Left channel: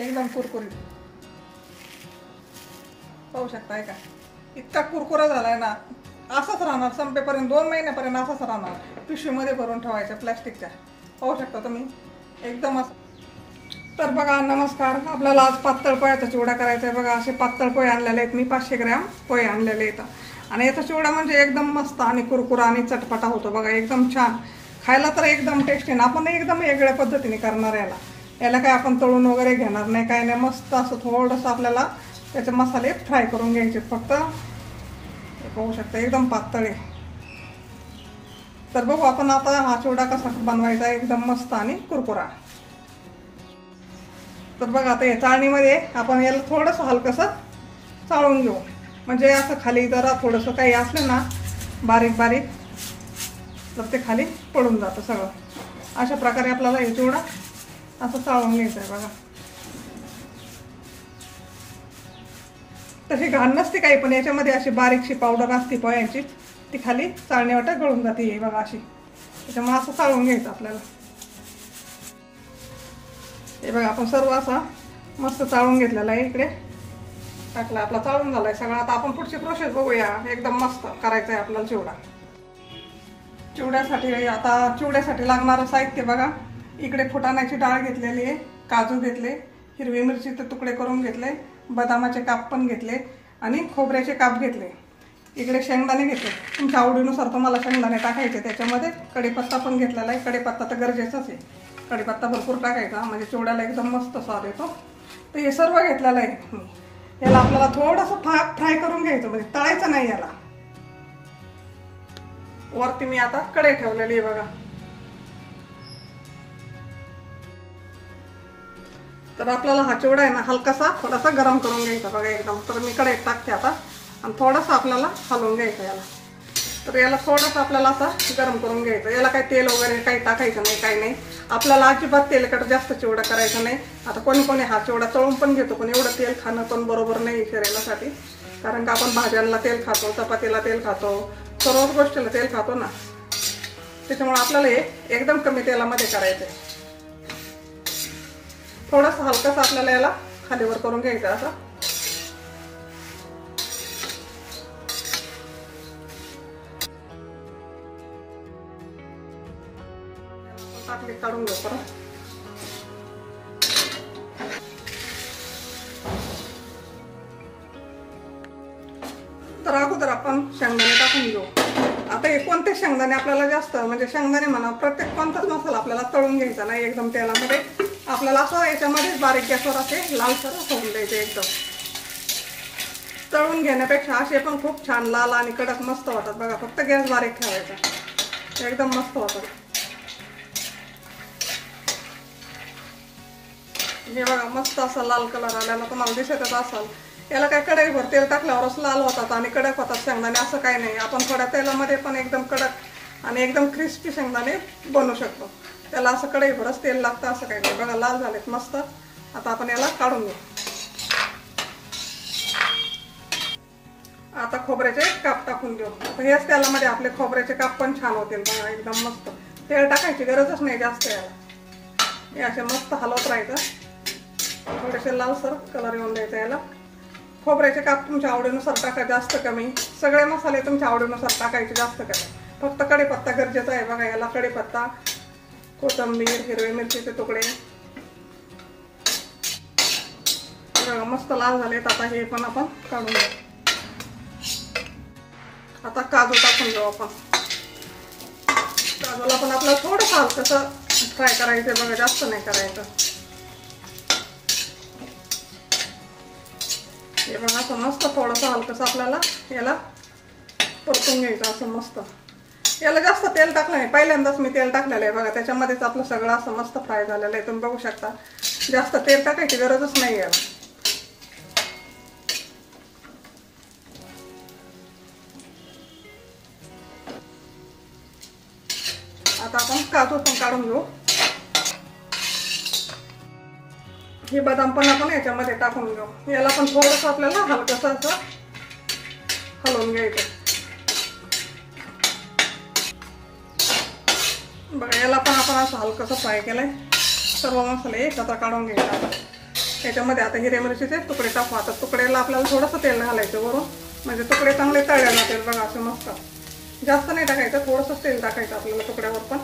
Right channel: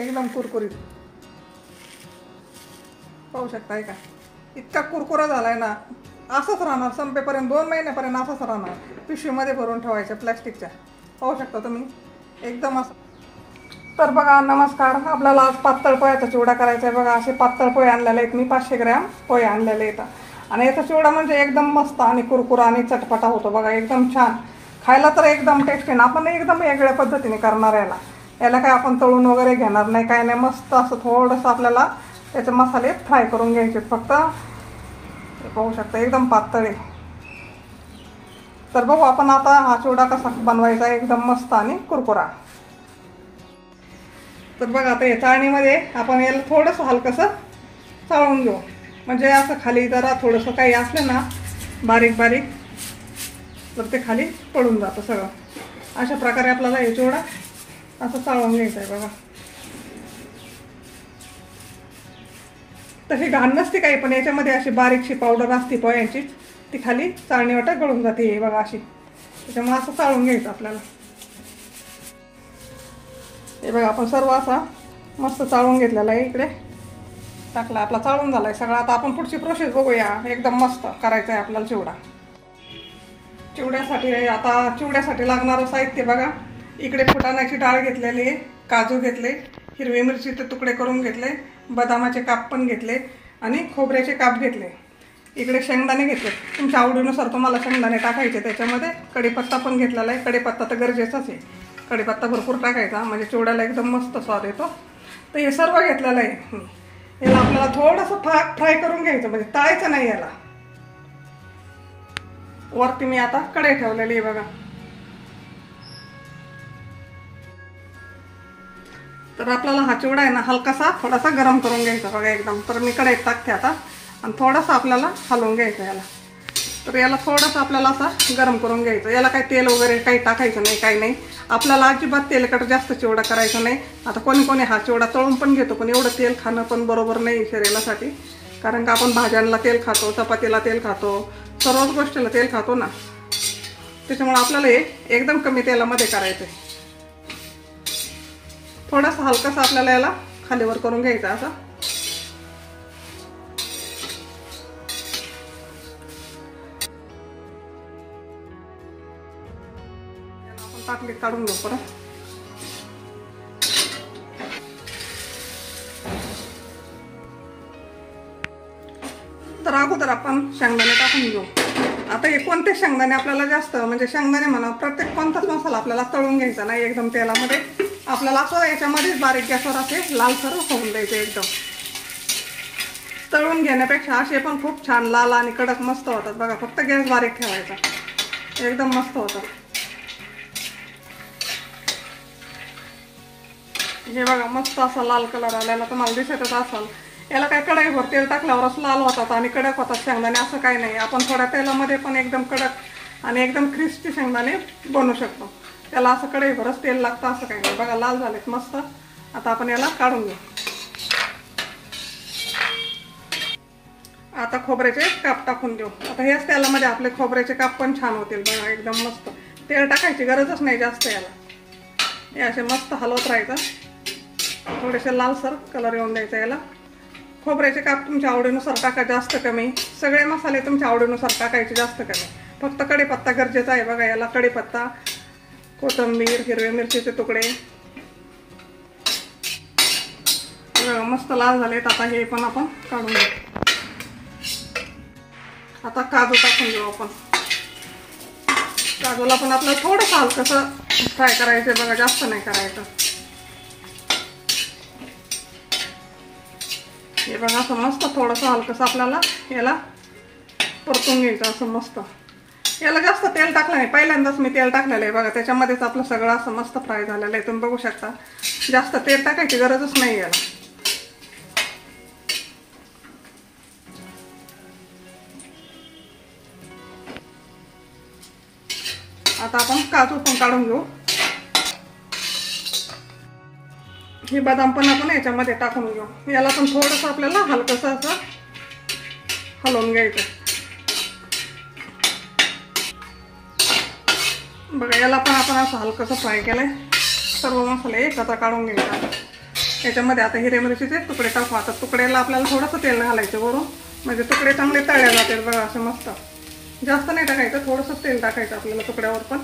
एकदम कुरकुरीत पाहू शकता का, इतका कुरकुरा झालाय ना, असंच राहणार संपेपर्यंत, 2 महिन्यापर्यंत असंच राहणार. पिशवीमध्ये भरून ठेवायच्या प्लॅस्टिकच्या. पाहू शकता तुम्ही एकदम असं. तर बघा नमस्कार, आपल्याला आज पातळ पोह्याचा चिवडा करायचा आहे. बघा असे पातळ पोहे आणलेले आहेत मी, 500 ग्रॅम पोहे आणलेले आहेत. आणि याचा चिवडा म्हणजे एकदम मस्त आणि कुरकुरा आणि चटपटा होतो. बघा एकदम छान, खायला तर एकदम टेस्टी ना. आपण एकदम वेगळ्या पद्धतीने करणार याला काय आपण तळून वगैरे घेणार नाही, काय नाही. मस्त असं थोडंसं आपल्याला त्याचे मसाले फ्राय करून घ्यायचे फक्त. पाहू शकता एकदम पातळ आहे. तर बघू आपण आता हा चिवडा कसा बनवायचा, एकदम मस्त आणि कुरकुरा. तर बघा आता या चाळणीमध्ये आपण याला थोडंसं हलकंसं चाळून घेऊ, म्हणजे असं खाली जरा थोडंसं काही असलं ना बारीक बारीक तर ते खाली पडून जातं सगळं. अशा प्रकारे आपल्याला हे चिवडा असं चाळून घ्यायचं आहे. बघा तशी घाण नसते काही, पण याच्यामध्ये अशी बारीकशी पावडर असते पोह्यांची, ती खाली चाळणीवाटा गळून जाते बघा अशी. त्याच्यामुळे असं चाळून घ्यायचं आपल्याला. हे बघा आपण सर्व असा मस्त चाळून घेतलेला आहे. इकडे टाकला आपला, चाळून झालाय सगळं. आता आपण पुढची प्रोसेस बघूया. एकदम मस्त करायचं आहे आपल्याला चिवडा. चिवड्यासाठी लागणारं साहित्य बघा, इकडे फुटाण्याची डाळ घेतलेली आहे, काजू घेतले, हिरवी मिरचीचे तुकडे करून घेतले, बदामाचे काप पण घेतले आणि खोबऱ्याचे काप घेतले. इकडे शेंगदाणे घेतले, तुमच्या आवडीनुसार तुम्हाला शेंगदाणे टाकायचे त्याच्यामध्ये. कढीपत्ता पण घेतलेला आहे, कढीपत्ता तर गरजेचाच आहे. कढीपत्ता भरपूर टाकायचा म्हणजे चिवड्याला एकदम मस्त स्वाद येतो. तर हे सर्व घेतलेलं आहे. याला आपल्याला थोडंसं फ्राय करून घ्यायचं, म्हणजे तळायचं नाही याला. वरती मी आता कढई ठेवलेली आहे बघा. तर आपल्याला हा चिवडा आहे ना हलकासा थोडासा गरम करून घ्यायचा बघा एकदम. तर मी कढईत टाकते आता आणि थोडासा आपल्याला हलवून घ्यायचं याला. तर याला थोडंसं आपल्याला असं गरम करून घ्यायचं. याला काही तेल वगैरे काही टाकायचं नाही, काही नाही. आपल्याला अजिबात तेलकट जास्त चिवडा करायचा नाही. आता कोणी कोणी हा चिवडा तळून पण घेतो, पण एवढं तेल खाणं पण बरोबर नाही शरीरासाठी. कारण का आपण भाज्यांना तेल खातो, चपातीला तेल खातो, सर्वच गोष्टीला तेल खातो ना. त्याच्यामुळे आपल्याला हे एकदम कमी तेलामध्ये करायचं आहे. थोडंसं हलकंसं आपल्याला याला खालीवर करून घ्यायचं असं. टाकली काढून घेऊ परत. तर अगोदर आपण शेंगदाणे टाकून घेऊ. आता हे कोणते शेंगदाणे आपल्याला जास्त, म्हणजे शेंगदाणे म्हणा, प्रत्येक कोणताच मसाला आपल्याला तळून घ्यायचा नाही एकदम तेलामध्ये. आपल्याला असं याच्यामध्ये बारीक गॅसवर असे लालसर होऊन द्यायचे एकदम. तळून घेण्यापेक्षा असे पण खूप छान लाल आणि कडक मस्त होतात बघा. फक्त गॅस बारीक ठेवायचा, एकदम मस्त होतात. हे बघा मस्त असा लाल कलर आलेला तुम्हाला दिसतच असाल. याला काही कढईभर तेल टाकल्यावरच लाल होतात आणि कडक होतात शेंगदाणे, असं काही नाही. आपण थोड्या तेलामध्ये पण एकदम कडक आणि एकदम क्रिस्पी शेंगदाणे बनवू शकतो. त्याला असं कढईभरच तेल लागतं असं काही नाही. बघा लाल झालेत मस्त. आता आपण याला काढून घेऊ. आता खोबऱ्याचे काप टाकून देऊ. आता हेच तेलामध्ये आपले खोबऱ्याचे काप पण छान होतील बघा एकदम मस्त. तेल टाकायची गरजच नाही जास्त याला. हे असे मस्त हलवत राहायचं. थोडेसे लालसर कलर येऊन द्यायचा याला. खोबऱ्याचे काप तुमच्या आवडीनुसार टाका, जास्त कमी. सगळे मसाले तुमच्या आवडीनुसार टाकायचे, जास्त कमी. फक्त कढीपत्ता गरजेचा आहे बघा याला. कढीपत्ता, कोथिंबीर, हिरवी मिरचीचे तुकडे. मस्त लाल झालेत. आता हे पण आपण काढून घेऊ. आता काजू टाकून घेऊ आपण. काजूला पण आपलं थोडंसं हलकंसं फ्राय करायचं बघा, जास्त नाही करायचं. हे बघा असं मस्त थोडंसं हलकंसं आपल्याला याला परतून घ्यायचं असं मस्त. याला जास्त तेल टाकलं नाही, पहिल्यांदाच मी तेल टाकलेलं आहे बघा. त्याच्यामध्येच आपलं सगळं असं मस्त फ्राय झालेलं आहे, तुम्ही बघू शकता. जास्त तेल टाकायची गरजच नाही याला. आता आपण काजू पण काढून घेऊ. हे बदाम पण आपण याच्यामध्ये टाकून घेऊ. याला पण थोडंसं आपल्याला हलकंसं असं हलवून घ्यायचं बघा. याला पण आपण असं हलकंसं फ्राय केलंय. सर्व मसाले एकत्र काढून घ्यायचे. याच्यामध्ये आता हिरव्या मिरचीचे तुकडे टाकू. आता तुकड्याला आपल्याला थोडंसं तेल घालायचं वरून, म्हणजे तुकडे चांगले तळले जातील बघा. असं मस्त जास्त नाही टाकायचं, थोडंसं तेल टाकायचं आपल्याला तुकड्यावर पण.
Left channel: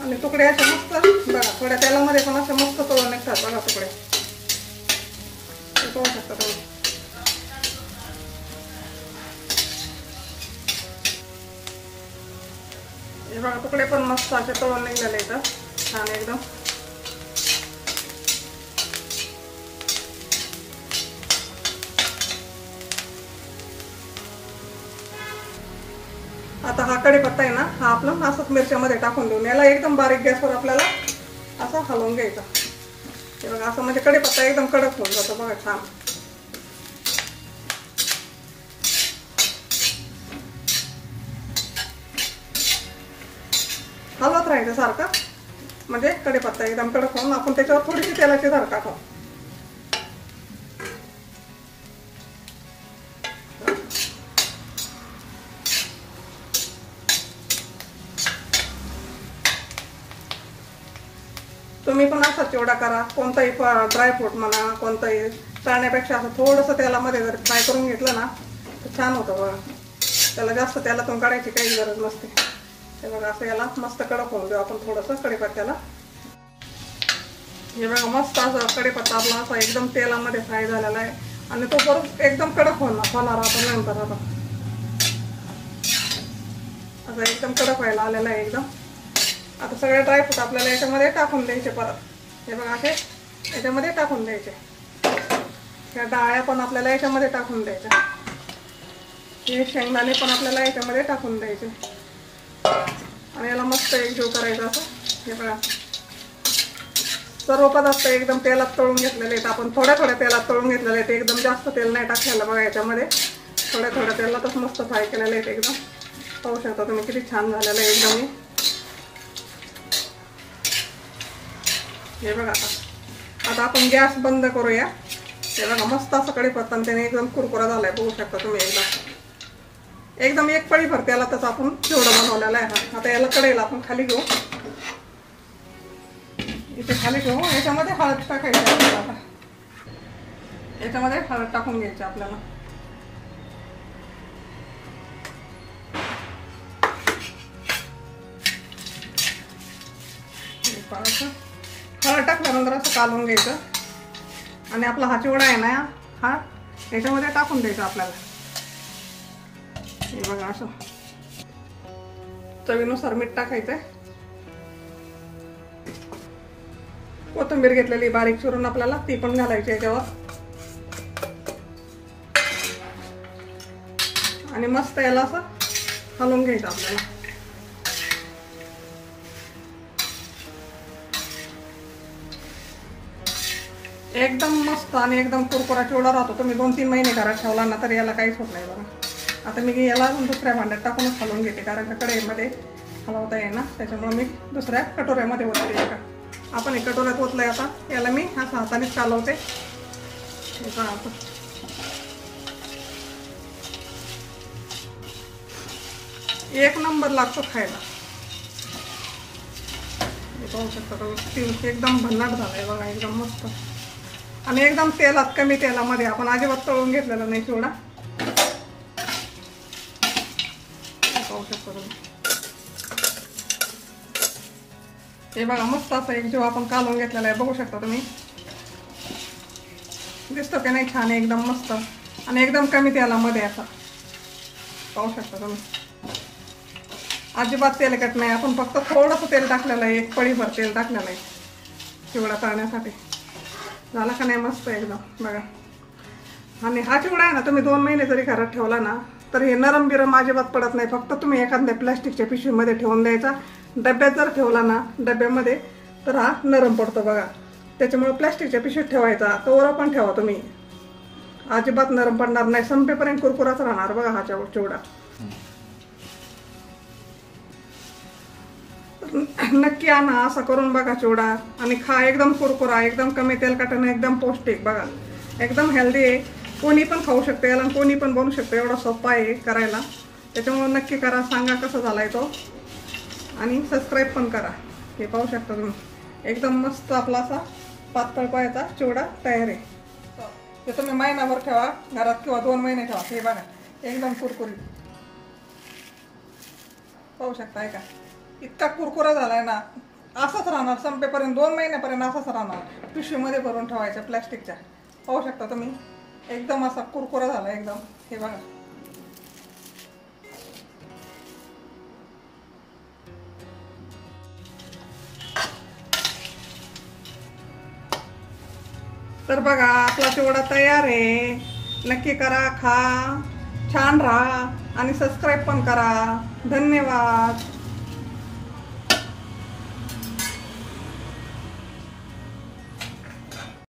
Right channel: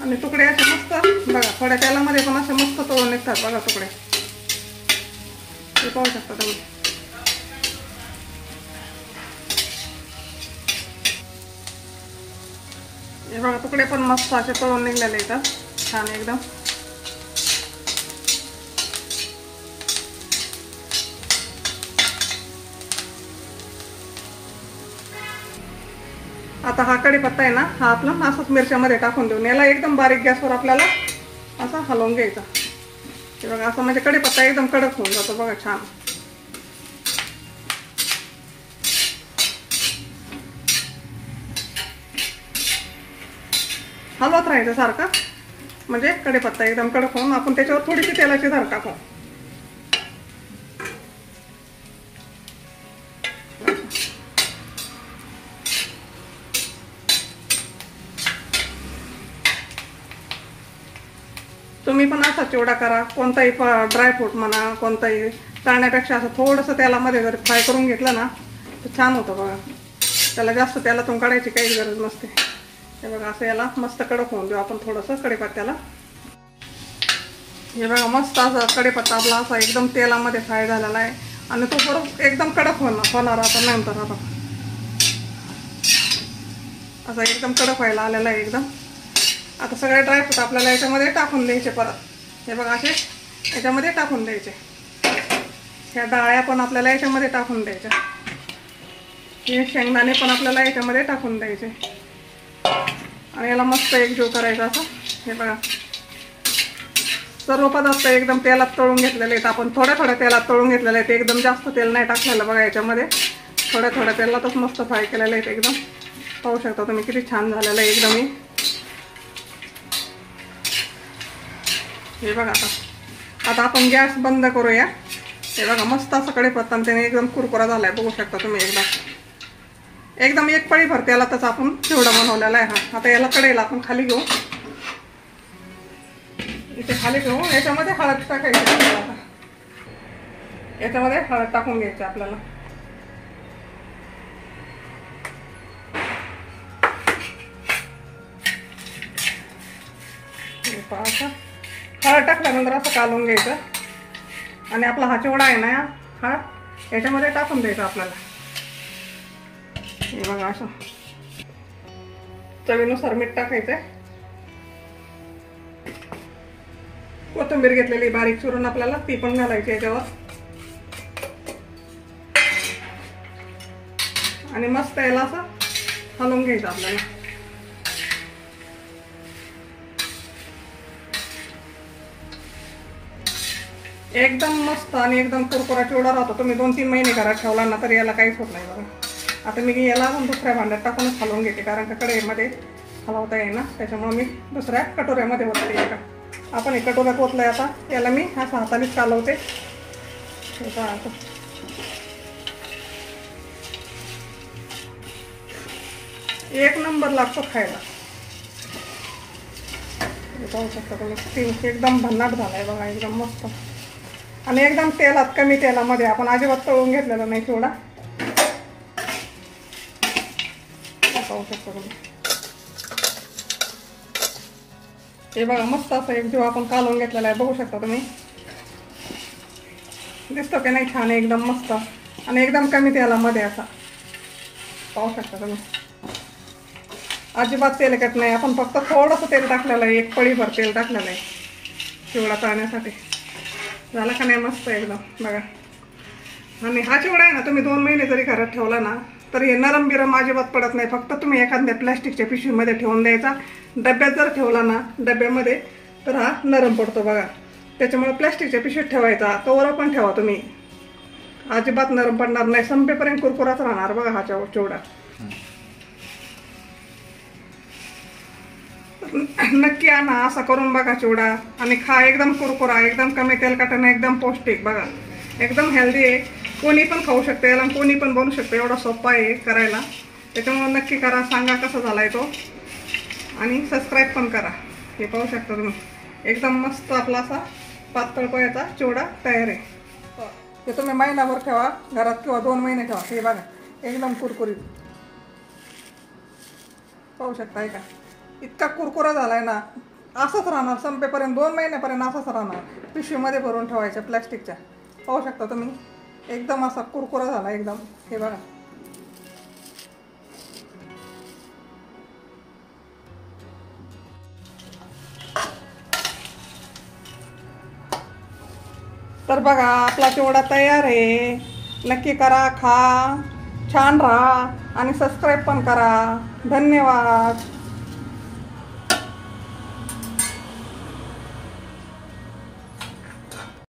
आणि तुकडे असे मस्त बघा थोड्या तेलामध्ये पण असे मस्त तळून निघतात बघा तुकडे. पाहू शकता तुम्ही. हे बघा तुकडे पण मस्त असे तळून निघलेले इथं छान एकदम. आता हा कढीपत्ता आहे ना, हा आपला असंच मिरच्यामध्ये टाकून देऊन याला एकदम बारीक गॅसवर आपल्याला असं हलवून घ्यायचा. हे बघा असं म्हणजे कढीपत्ता एकदम कडक होऊन जातो बघा छान. हलवत राहायचं सारखं, म्हणजे कढीपत्ता एकदम कडक होऊन आपण त्याच्यावर थोडीशी तेलाची धार टाकू. तुम्ही पण असा चिवडा करा, कोणताही ड्रायफ्रूट म्हणा कोणताही टाळण्यापेक्षा असं थोडंसं तेलामध्ये जर फ्राय करून घेतलं ना तर छान होतं बघा. त्याला जास्त तेलातून काढायची काही गरज नसते. हे बघा असं याला मस्त कडक होऊन देऊ आपण थोडंसं कढीपत्त्याला. हे बघा मस्त असं कढीपत्ता आपला असा एकदम तेलामध्ये फ्राय झालेला आहे आणि तो जर एकदम कडक होणार आपण नंतर असं एकदम कडक व्हायला आलेला आहे एकदम. आता सगळे ड्रायफ्रूट आपल्याला याच्यामध्ये टाकून द्यायचे परत. हे बघा असे याच्यामध्ये टाकून द्यायचे. ह्या डाळ्या पण आपल्याला याच्यामध्ये टाकून द्यायच्या. हे शेंगदाणे पण आपल्याला याच्यामध्ये टाकून द्यायचे आणि याला मस्त एकजीव करायचा असं. हे बघा सर्व पदार्थ एकदम तेलात तळून घेतलेले आहेत आपण. थोड्या तेलात तळून घेतलेले आहेत, एकदम जास्त तेल नाही टाकलेलं बघा याच्यामध्ये. थोड्या तेलातच मस्त फ्राय केलेले आहेत एकदम. पाहू शकता तुम्ही किती छान झालेलं आहे एकदम. हे बघा आता आपण गॅस बंद करूया. हे बघा मस्त असं कढीपत्ता त्याने एकदम कुरकुरा झालाय बघू शकता तुम्ही. एकदम एक पळी भर तेलातच आपण चिवडा बनवलेला आहे हा. आता याला कढईला आपण खाली घेऊ. इथे खाली घेऊ. याच्यामध्ये हळद टाकायची आपल्याला. आता याच्यामध्ये हळद टाकून घ्यायची आपल्याला. हळद टाकल्यानंतर असं कालून घ्यायचं आणि आपला हा चिवडा आहे ना हा याच्यामध्ये टाकून द्यायचा आपल्याला. हे बघा असं चवीनुसार मीठ टाकायचंय. कोथिंबीर घेतलेली बारीक चिरून आपल्याला ती पण घालायची याच्यावर आणि मस्त याला असं हलवून घ्यायचं आपल्याला. एकदम मस्त आणि एकदम कुरकुरा चिवडा राहतो. तुम्ही 2-3 महिने घरात ठेवला ना तरी याला काहीच होत नाही बघा. आता मी याला दुसऱ्या भांड्यात टाकूनच हलवून घेते कारण का कढईमध्ये हलवता येईल ना, त्याच्यामुळे मी दुसऱ्या कटोऱ्यामध्ये ओतते. आपण हे कटोऱ्यात ओतलंय. आता याला मी असं हातानेच चालवते. एक नंबर लागतो खायला. पाहू शकता तुम्ही एकदम भन्नाट झालाय बघा एकदम मस्त. आणि एकदम तेलात कमी तेलामध्ये आपण अजिबात तळून घेतलेला नाही चिवडा. पाहू शकता तुम्ही. हे बघा मस्त असं एक जीव आपण कालवून घेतलेला आहे बघू शकता तुम्ही. दिसतं ते नाही छान एकदम मस्त आणि एकदम कमी तेलामध्ये असा. पाहू शकता तुम्ही अजिबात तेलकट नाही. आपण फक्त थोडंसं तेल टाकलेलं आहे, एक पळीभर तेल टाकलेलं आहे चिवडा तळण्यासाठी. झाला का नाही मस्त एकदम बघा. आणि हा चिवडा आहे ना तुम्ही 2 महिने जरी घरात ठेवला ना तर हे नरम बिरम अजिबात पडत नाही. फक्त तुम्ही एखाद्या प्लॅस्टिकच्या पिशवीमध्ये ठेवून द्यायचा. डब्यात जर ठेवला ना डब्यामध्ये तर हा नरम पडतो बघा. त्याच्यामुळे प्लॅस्टिकच्या पिशवीत ठेवायचा. कवर पण ठेवा तुम्ही, अजिबात नरम पडणार नाही. संपेपर्यंत कुरकुराच राहणार बघा हा चिवडा. नक्की आणा असा करून बघा चिवडा आणि खा. एकदम कुरकुरा, एकदम कमी तेलकटाने, एकदम पौष्टिक बघा. एकदम हेल्दी आहे. कोणी पण खाऊ शकते याला, कोणी पण बनवू शकते. एवढा सोपा आहे करायला. त्याच्यामुळे नक्की करा. सांगा कसा झालाय तो आणि सबस्क्राईब पण करा. हे पाहू शकता तुम्ही एकदम मस्त आपला असा पातळ पोह्याचा चिवडा तयार आहे. तो तुम्ही महिनाभर ठेवा घरात किंवा 2 महिने ठेवा. हे बघा एकदम कुरकुरीत पाहू शकता. का इतका कुरकुरा झालाय ना, असंच राहणार संपेपर्यंत 2 महिन्यापर्यंत असंच राहणार. पिशवीमध्ये भरून ठेवायच्या प्लास्टिकच्या. पाहू शकता तुम्ही एकदम असा कुरकुरा झाला एकदम. हे बघा तर बघा आपला चिवडा तयार आहे. नक्की करा, खा, छान राहा आणि सबस्क्राईब पण करा. धन्यवाद.